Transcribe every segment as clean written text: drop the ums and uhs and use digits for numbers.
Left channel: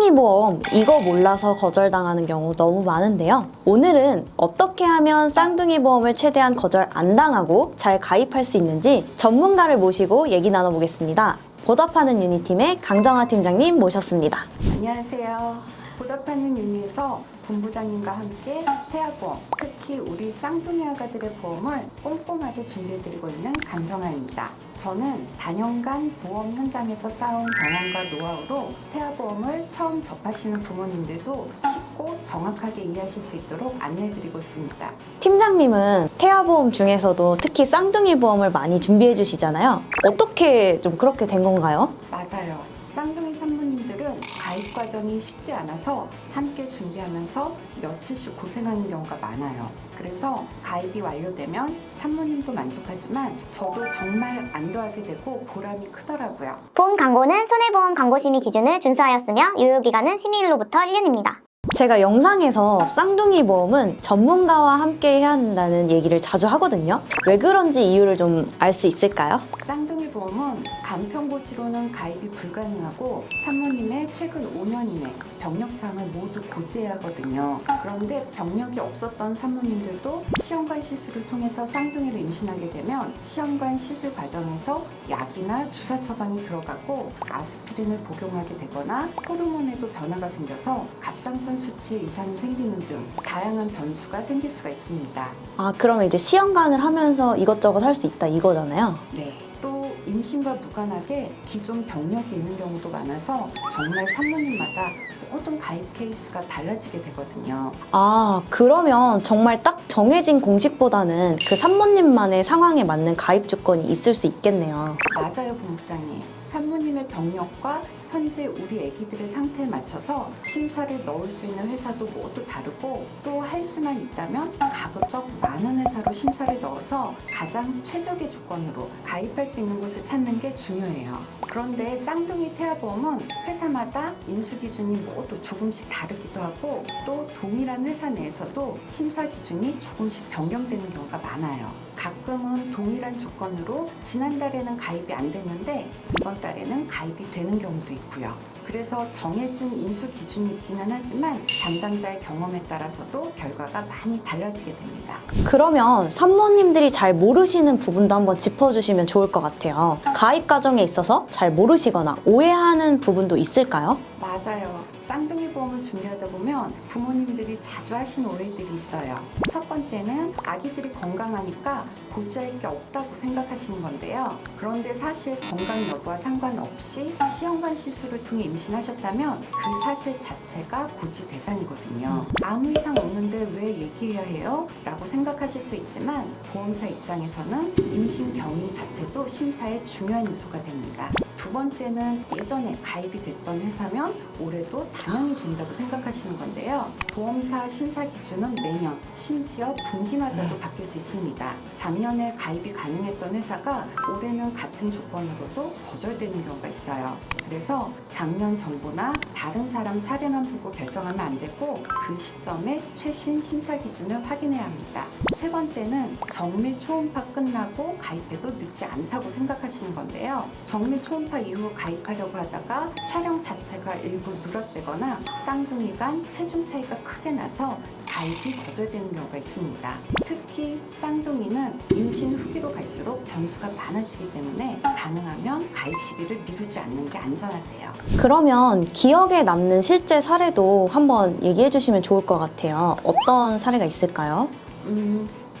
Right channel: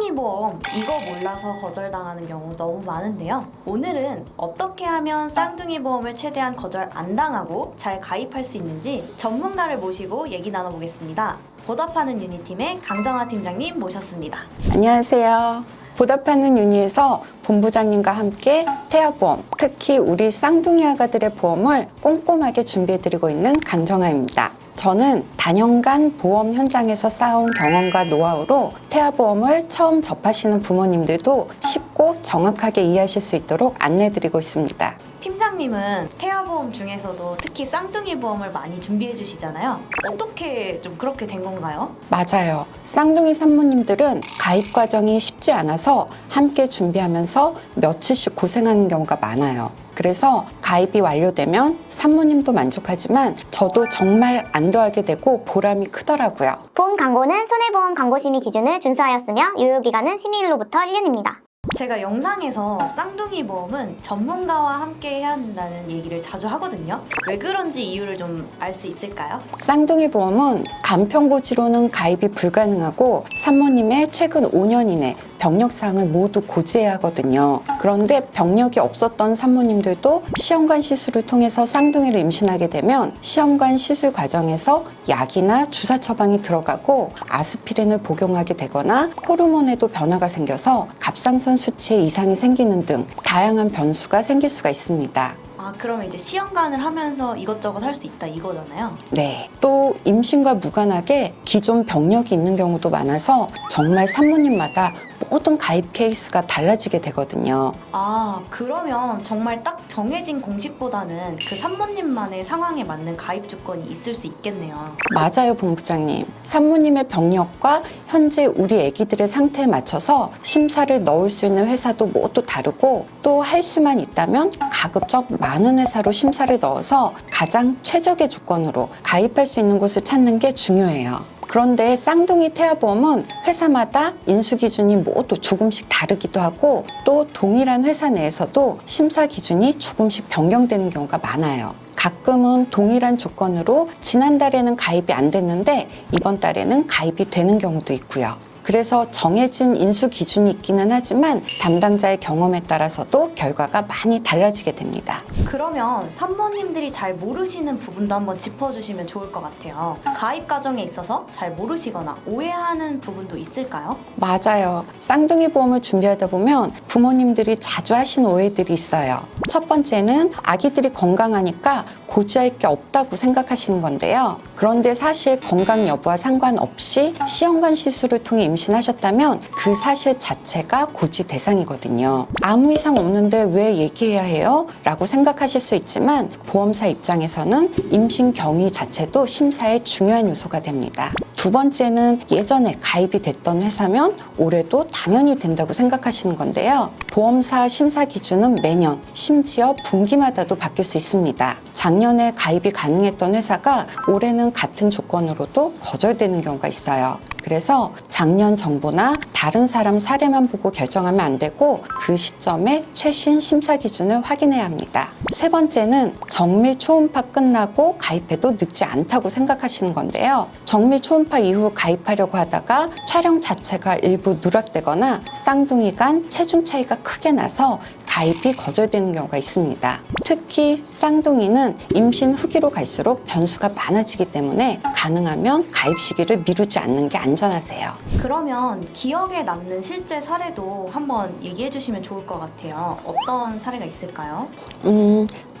쌍둥이 보험 이거 몰라서 거절당하는 경우 너무 많은데요. 오늘은 어떻게 하면 쌍둥이 보험을 최대한 거절 안 당하고 잘 가입할 수 있는지 전문가를 모시고 얘기 나눠보겠습니다. 보답하는 유니팀의 강정아 팀장님 모셨습니다. 안녕하세요. 보답하는 유니에서 본부장님과 함께 태아보험, 특히 우리 쌍둥이 아가들의 보험을 꼼꼼하게 준비해드리고 있는 강정아입니다. 저는 단연간 보험 현장에서 쌓아온 경험과 노하우로 태아보험을 처음 접하시는 부모님들도 쉽고 정확하게 이해하실 수 있도록 안내해드리고 있습니다. 팀장님은 태아보험 중에서도 특히 쌍둥이 보험을 많이 준비해 주시잖아요. 어떻게 좀 그렇게 된 건가요? 맞아요. 쌍둥이 산모님들은 가입 과정이 쉽지 않아서 함께 준비하면서 며칠씩 고생하는 경우가 많아요. 그래서 가입이 완료되면 산모님도 만족하지만 저도 정말 안도하게 되고 보람이 크더라고요. 보험 광고는 손해보험 광고심의 기준을 준수하였으며 유효기간은 심의일로부터 1년입니다. 제가 영상에서 쌍둥이 보험은 전문가와 함께 해야 한다는 얘기를 자주 하거든요. 왜 그런지 이유를 좀 알 수 있을까요? 쌍둥이 보험은 간편고지로는 가입이 불가능하고 산모님의 최근 5년 이내 병력사항을 모두 고지해야 하거든요. 그런데 병력이 없었던 산모님들도 시험관 시술을 통해서 쌍둥이를 임신하게 되면 시험관 시술 과정에서 약이나 주사 처방이 들어가고 아스피린을 복용하게 되거나 호르몬에도 변화가 생겨서 갑상선 수치에 이상이 생기는 등 다양한 변수가 생길 수가 있습니다. 아, 그러면 이제 시험관을 하면서 이것저것 할 수 있다 이거잖아요. 네. 또 임신과 무관하게 기존 병력이 있는 경우도 많아서 정말 산모님마다 모든 가입 케이스가 달라지게 되거든요. 아, 그러면 정말 딱 정해진 공식보다는 그 산모님만의 상황에 맞는 가입 조건이 있을 수 있겠네요. 맞아요, 본부장님. 산모님의 병력과 현재 우리 아기들의 상태에 맞춰서 심사를 넣을 수 있는 회사도 모두 다르고 또 할 수만 있다면 가급적 많은 회사로 심사를 넣어서 가장 최적의 조건으로 가입할 수 있는 곳을 찾는 게 중요해요. 그런데 쌍둥이 태아보험은 회사마다 인수 기준이 모두 조금씩 다르기도 하고 또 동일한 회사 내에서도 심사 기준이 조금씩 변경되는 경우가 많아요. 가끔은 동일한 조건으로 지난달에는 가입이 안 됐는데 이번 달에는 가입이 되는 경우도 있고요. 그래서 정해진 인수 기준이 있기는 하지만 담당자의 경험에 따라서도 결과가 많이 달라지게 됩니다. 그러면 산모님들이 잘 모르시는 부분도 한번 짚어주시면 좋을 것 같아요. 가입 과정에 있어서 잘 모르시거나 오해하는 부분도 있을까요? 맞아요. 쌍둥이 보험을 준비하다 보면 부모님들이 자주 하시는 오해들이 있어요. 첫 번째는 아기들이 건강하니까 고지할 게 없다고 생각하시는 건데요. 그런데 사실 건강 여부와 상관없이 시험관 시술을 통해 임신하셨다면 그 사실 자체가 고지 대상이거든요. 아무 이상 없는데 왜 얘기해야 해요? 라고 생각하실 수 있지만 보험사 입장에서는 임신 경위 자체도 심사의 중요한 요소가 됩니다. 두 번째는 예전에 가입이 됐던 회사면 올해도 당연히 된다고 생각하시는 건데요. 보험사 심사 기준은 매년, 심지어 분기마다도 바뀔 수 있습니다. 작년에 가입이 가능했던 회사가 올해는 같은 조건으로도 거절되는 경우가 있어요. 그래서 작년 정보나 다른 사람 사례만 보고 결정하면 안 되고 그 시점에 최신 심사 기준을 확인해야 합니다. 세 번째는 정밀 초음파 끝나고 가입해도 늦지 않다고 생각하시는 건데요. 정밀 초음파 이후 가입하려고 하다가 촬영 자체가 일부 누락되거나 쌍둥이 간 체중 차이가 크게 나서 가입이 거절되는 경우가 있습니다. 특히 쌍둥이는 임신 후기로 갈수록 변수가 많아지기 때문에 가능하면 가입 시기를 미루지 않는 게 안전하세요. 그러면 기억에 남는 실제 사례도 한번 얘기해 주시면 좋을 것 같아요. 어떤 사례가 있을까요?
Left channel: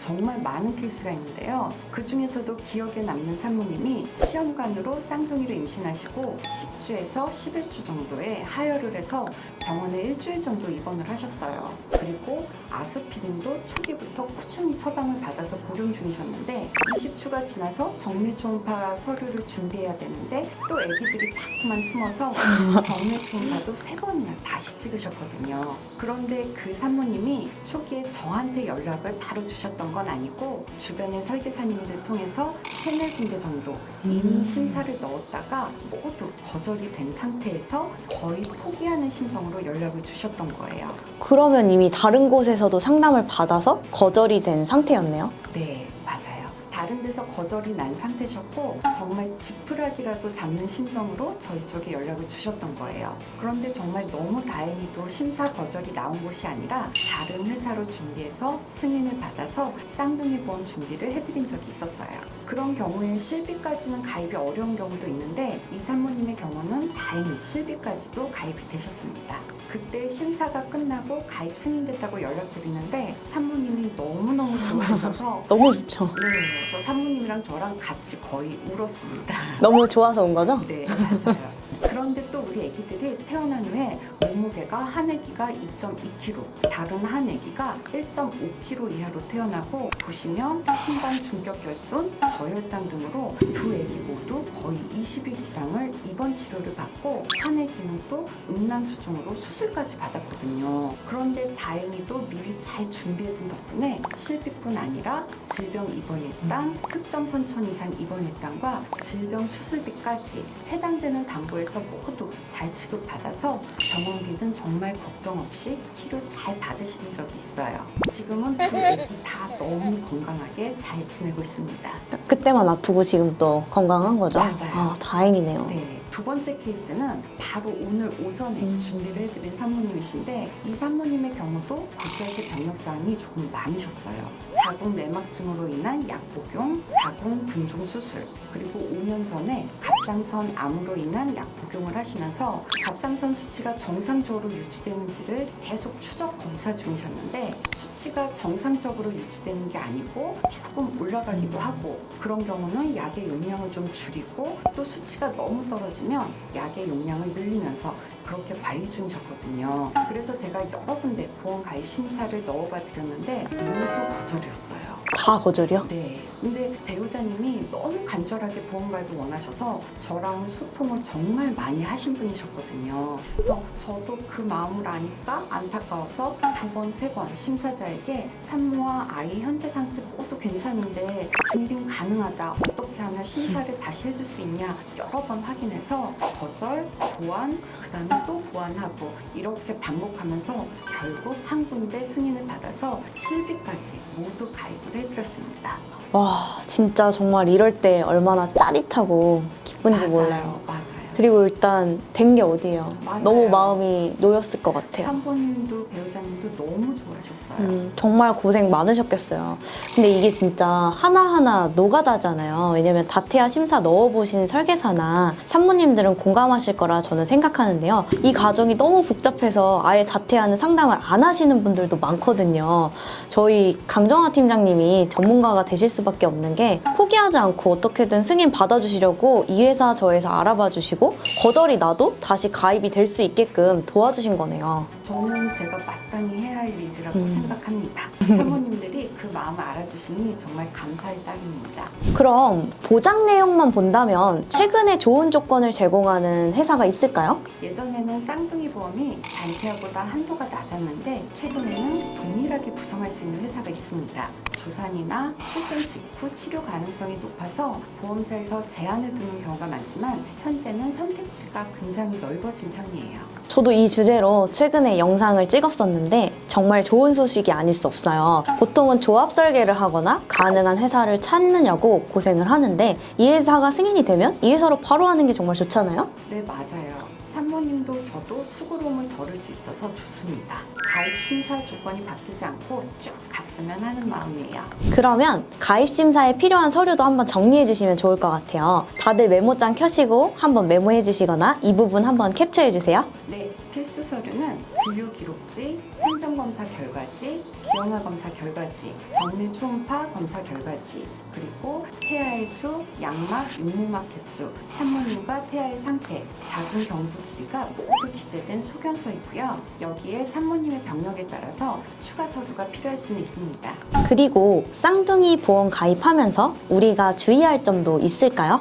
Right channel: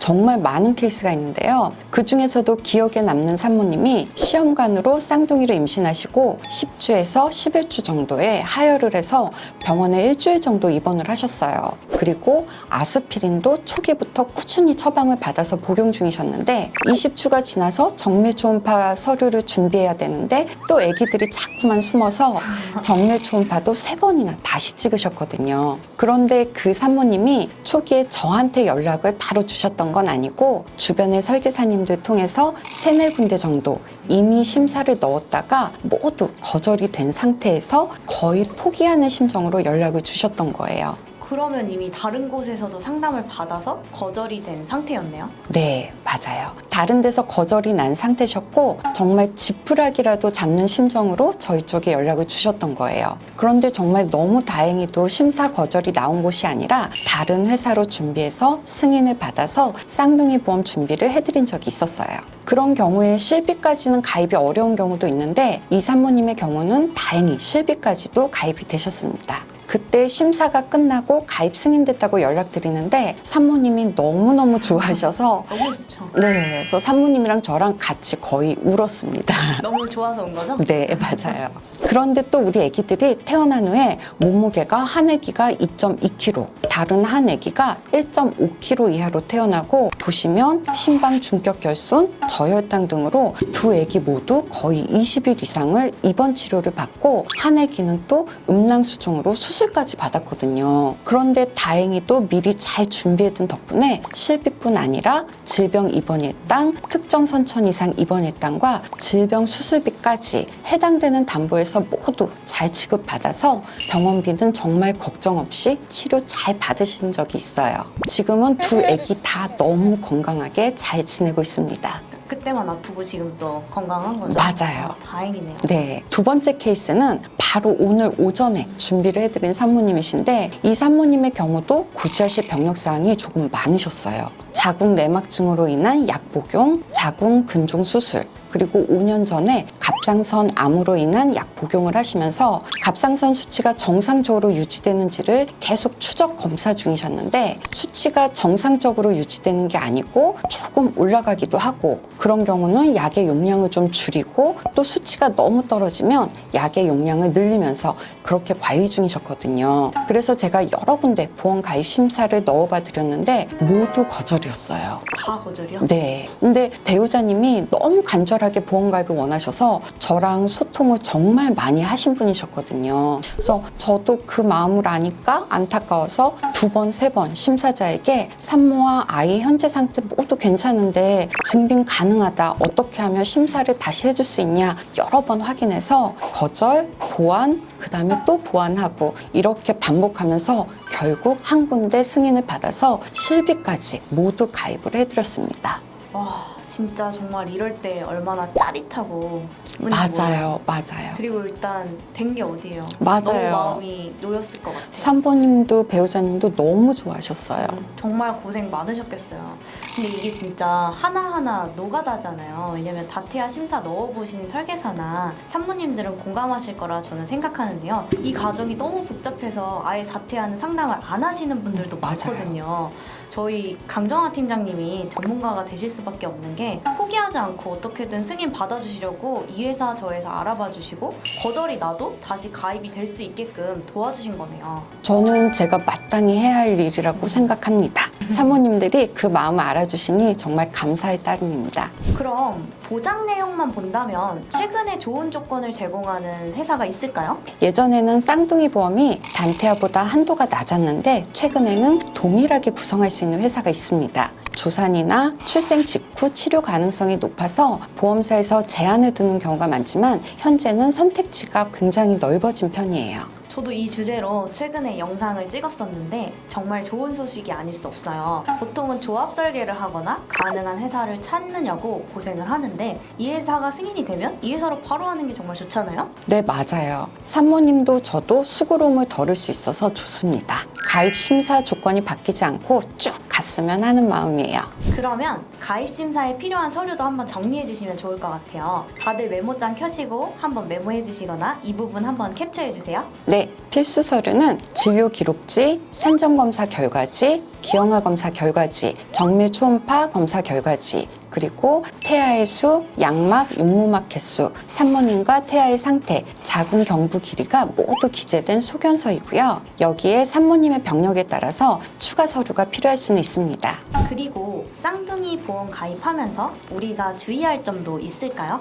정말 많은 케이스가 있는데요. 그 중에서도 기억에 남는 산모님이 시험관으로 쌍둥이를 임신하시고 10주에서 11주 정도에 하혈을 해서 병원에 일주일 정도 입원을 하셨어요. 그리고 아스피린도 초기부터 꾸준히 처방을 받아서 복용 중이셨는데 20주가 지나서 정밀 초음파 서류를 준비해야 되는데 또 아기들이 자꾸만 숨어서 정밀 초음파도 3번이나 다시 찍으셨거든요. 그런데 그 산모님이 초기에 저한테 연락을 바로 주셨던 건 아니고 주변의 설계사님들 통해서 3-4군데 정도 이미 심사를 넣었다가 모두 거절이 된 상태에서 거의 포기하는 심정으로 연락을 주셨던 거예요. 그러면 이미 다른 곳에서도 상담을 받아서 거절이 된 상태였네요. 네, 맞아요. 다른 데서 거절이 난 상태셨고 정말 지푸라기라도 잡는 심정으로 저희 쪽에 연락을 주셨던 거예요. 그런데 정말 너무 다행히도 심사 거절이 나온 곳이 아니라 다른 회사로 준비해서 승인을 받아서 쌍둥이 보험 준비를 해드린 적이 있었어요. 그런 경우에 실비까지는 가입이 어려운 경우도 있는데 이 산모님의 경우는 다행히 실비까지도 가입이 되셨습니다. 그때 심사가 끝나고 가입 승인됐다고 연락드리는데 산모님이 너무너무 좋아하셔서 너무 좋죠. 네, 그래서 산모님이랑 저랑 같이 거의 울었습니다. 너무 좋아서 온 거죠? 네, 맞아요. 그런데 또 우리 아기들이 태어난 후에 몸무게가 한 아기가 2.2kg, 다른 한 아기가 1.5kg 이하로 태어나고 보시면 심방 중격 결손, 저혈당 등으로 두 아기 모두 거의 20일 이상을 입원 치료를 받고 한 아기는 또 음낭수정으로 수술까지 받았거든요. 그런데 다행히도 미리 잘 준비해둔 덕분에 실비뿐 아니라 질병 입원 일당, 특정 선천 이상 입원 일당과 질병 수술비까지 해당되는 담보에서 모두 잘 지급받아서 병원비는 정말 걱정 없이 치료 잘 받으신 적이 있어요. 지금은 두 아기 다 너무 건강하게 잘 지내고 있습니다. 그때만 아프고 지금 또 건강한 거죠? 맞아요. 아, 다행이네요. 네, 두 번째 케이스는 바로 오늘 오전에 준비를 해드린 산모님이신데 이 산모님의 경우도 구제하실 병력사항이 조금 많으셨어요. 자궁 내막증으로 인한 약 복용, 자궁 근종 수술, 그리고 5년 전에 갑상선 암으로 인한 약 복용을 하시면서 갑상선 수치가 정상적으로 유지되는지를 계속 추적 검사 중이셨는데 수치가 정상적으로 유지되는 게 아니고 조금 올라가기도 하고 그런 경우는 약의 용량을 좀 줄이고 또 수치가 너무 떨어지면 약의 용량을 늘리면서 그렇게 관리 중이셨거든요. 그래서 제가 여러 군데 보험 가입 심사를 넣어봐 드렸는데 모두 거절이었어요. 다 거절이요? 네. 근데 배우자님이 너무 간절하게 보험 가입을 원하셔서 저랑 소통을 정말 많이 하신 분이셨거든요. 그래서 저도 그 마음을 아니까 안타까워서 두 번, 세 번 심사자에게 산모와 아이 현재 상태 모두 괜찮은데 증빙 가능하다. 어떻게 하면 심사를 다시 해줄 수 있냐. 여러 번 확인해서 거절, 보완, 그 다음에 또 보완하고 이렇게 반복하면서 결국 한 군데 승인을 받아서 실비까지 모두 가입을 해드렸습니다. 와, 진짜 정말 이럴 때 얼마나 짜릿하고 기분이 좋아요. 맞아요, 맞아요. 그리고 일단 된 게 어디예요? 맞아요. 너무 마음이 놓였을 것 같아요. 산모님도 배우자님도 너무 좋아하셨어요. 정말 고생 많으셨겠어요. 근데 이게 진짜 하나하나 노가다잖아요. 왜냐면 다태아 심사 넣어보신 설계사나 산모님들은 공감하실 거라 저는 생각하는데요. 이 과정이 너무 복잡해서 아예 다태아는 상담을 안 하시는 분들도 많거든요. 저희 강정화 팀장님이 전문가가 되실 수밖에 없는 게 포기하지 않고 어떻게든 승인 받아주시려고 이 회사 저 회사 알아봐 주시고 거절이 나도 다시 가입이 될 수 있게끔 도와주신 거네요. 저는 제가 마땅히 해야 할 일이라고 생각합니다. 사모님들이 그 마음을 알아주시니 정말 감사의 따름입니다. 그럼 보장 내용만 본다면 최근에 좋은 조건을 제공하는 회사가 있을까요? 예전에는 쌍둥이 보험이 단태아보다 한도가 낮았는데 최근에는 동일하게 구성할 수 있는 회사가 있습니다. 조산이나 출생 직후 치료 가능성이 높아서 보험사에서 제한을 두는 경우가 많지만 현재는 선택지가 굉장히 넓어진 편이에요. 저도 이 주제로 최근에 영상을 찍었었는데 정말 좋은 소식이 아닐 수 없어요. 보통은 조합 설계를 하거나 가능한 회사를 찾느냐고 고생을 하는데 이 회사가 승인이 되면 이 회사로 바로 하는 게 정말 좋잖아요? 네, 맞아요. 산모님도 저도 수고로움을 덜을 수 있어서 좋습니다. 가입 심사 조건이 바뀌지 않고 쭉 갔으면 하는 마음이에요. 그러면 가입 심사에 필요한 서류도 한번 정리해 주시면 좋을 것 같아요. 다들 메모장 켜시고 한번 메모해 주시거나 이 부분 한번 캡처해 주세요. 네, 필수 서류는 진료 기록지, 산정 검사 결과지, 기형아 검사 결과지, 정밀 초음파 검사 결과지, 그리고 태아의 수, 양막, 육모막 개수, 산모님과 태아의 상태, 자궁 경부 길이가 모두 기재된 소견서이고요. 여기에 산모님의 병력에 따라서 추가 서류가 필요할 수는 있습니다. 있습니다. 그리고 쌍둥이 보험 가입하면서 우리가 주의할 점도 있을까요?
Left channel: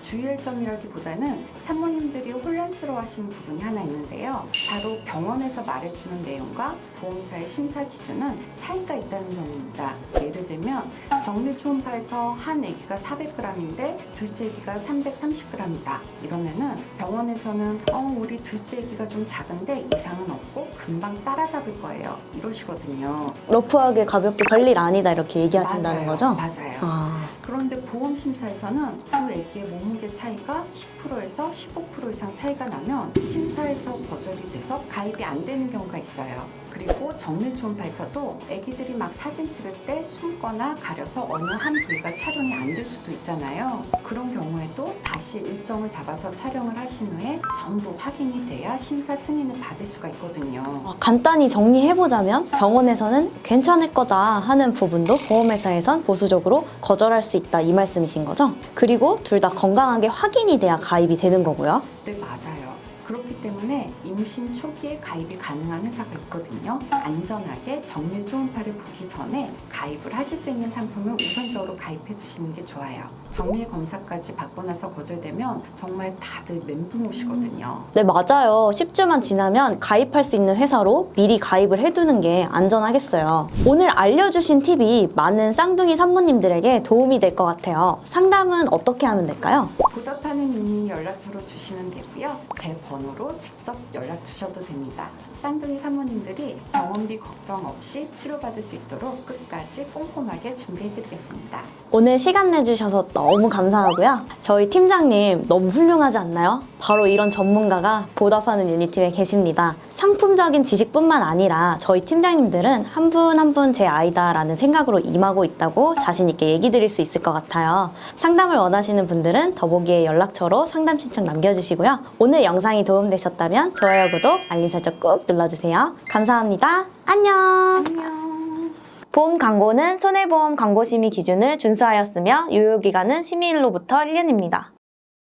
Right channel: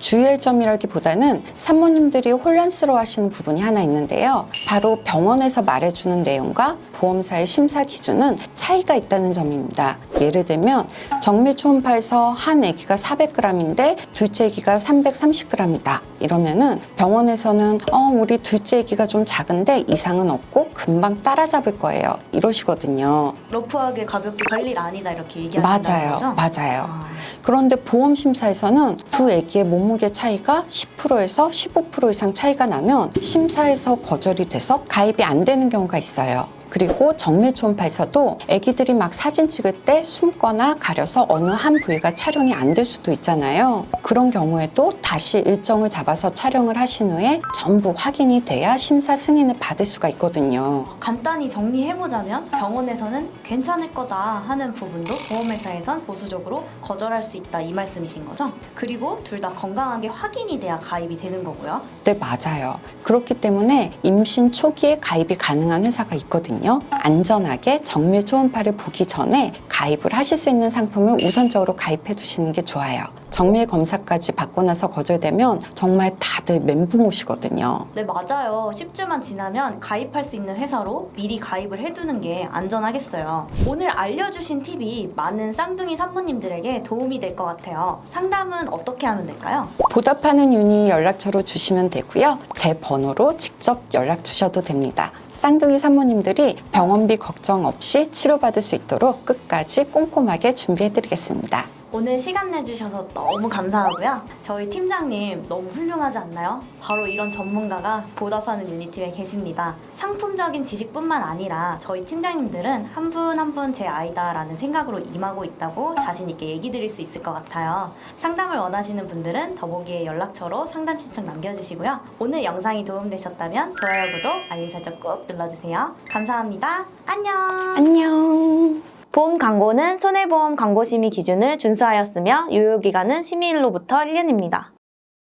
주의할 점이라기보다는 산모님들이 혼란스러워하시는 부분이 하나 있는데요. 바로 병원에서 말해주는 내용과 보험사의 심사 기준은 차이가 있다는 점입니다. 예를 들면 정밀 초음파에서 한 아기가 400g인데 둘째 아기가 330g이다. 이러면은 병원에서는 우리 둘째 아기가 좀 작은데 이상은 없고 금방 따라잡을 거예요. 이러시거든요. 러프하게 가볍게 별일 아니다 이렇게 얘기하신다는 거죠? 맞아요. 그런데 보험 심사에서는 두 아기의 몸무게 차이가 10%에서 15% 이상 차이가 나면 심사에서 거절이 돼서 가입이 안 되는 경우가 있어요. 그리고 정밀 초음파에서도 아기들이 막 사진 찍을 때 숨거나 가려서 어느 한 부위가 촬영이 안 될 수도 있잖아요. 그런 경우에도 다시 일정을 잡아서 촬영을 하신 후에 전부 확인이 돼야 심사 승인을 받을 수가 있거든요. 간단히 정리해보자면 병원에서는 괜찮을 거다 하는 부분도 보험회사에선 보수적으로 거절할 수 있다 이 말씀이신 거죠? 그리고 둘 다 건강하게 확인이 돼야 가입이 되는 거고요. 네, 맞아요. 그렇기 때문에 임신 초기에 가입이 가능한 회사가 있거든요. 안전하게 정밀 초음파를 보기 전에 가입을 하실 수 있는 상품을 우선적으로 가입해 두시는 게 좋아요. 정밀 검사까지 받고 나서 거절되면 정말 다들 멘붕 오시거든요. 네, 맞아요. 10주만 지나면 가입할 수 있는 회사로 미리 가입을 해두는 게 안전하겠어요. 오늘 알려주신 팁이 많은 쌍둥이 산모님들에게 도움이 될 것 같아요. 상담은 어떻게 하면 될까요? 보답하는 유니 연락처로 주시면 되고요. 제 번호로 직접 연락 주셔도 됩니다. 쌍둥이 산모님들이 병원비 걱정 없이 치료받을 수 있도록 끝까지 꼼꼼하게 준비해드리겠습니다. 오늘 시간 내주셔서 너무 감사하고요. 저희 팀장님 너무 훌륭하지 않나요? 바로 이런 전문가가 보답하는 유니팀에 계십니다. 상품적인 지식뿐만 아니라 저희 팀장님들은 한 분 한 분 제 아이다라는 생각으로 임하고 있다고 자신 있게 얘기 드릴 수 있을 것 같아요. 상담을 원하시는 분들은 더보기에 연락처로 상담 신청 남겨주시고요. 오늘 영상이 도움되셨다면 좋아요, 구독, 알림 설정 꾹 눌러주세요. 감사합니다. 안녕. 안녕. 본 광고는 손해보험 광고심의 기준을 준수하였으며 유효기간은 심의일로부터 1년입니다.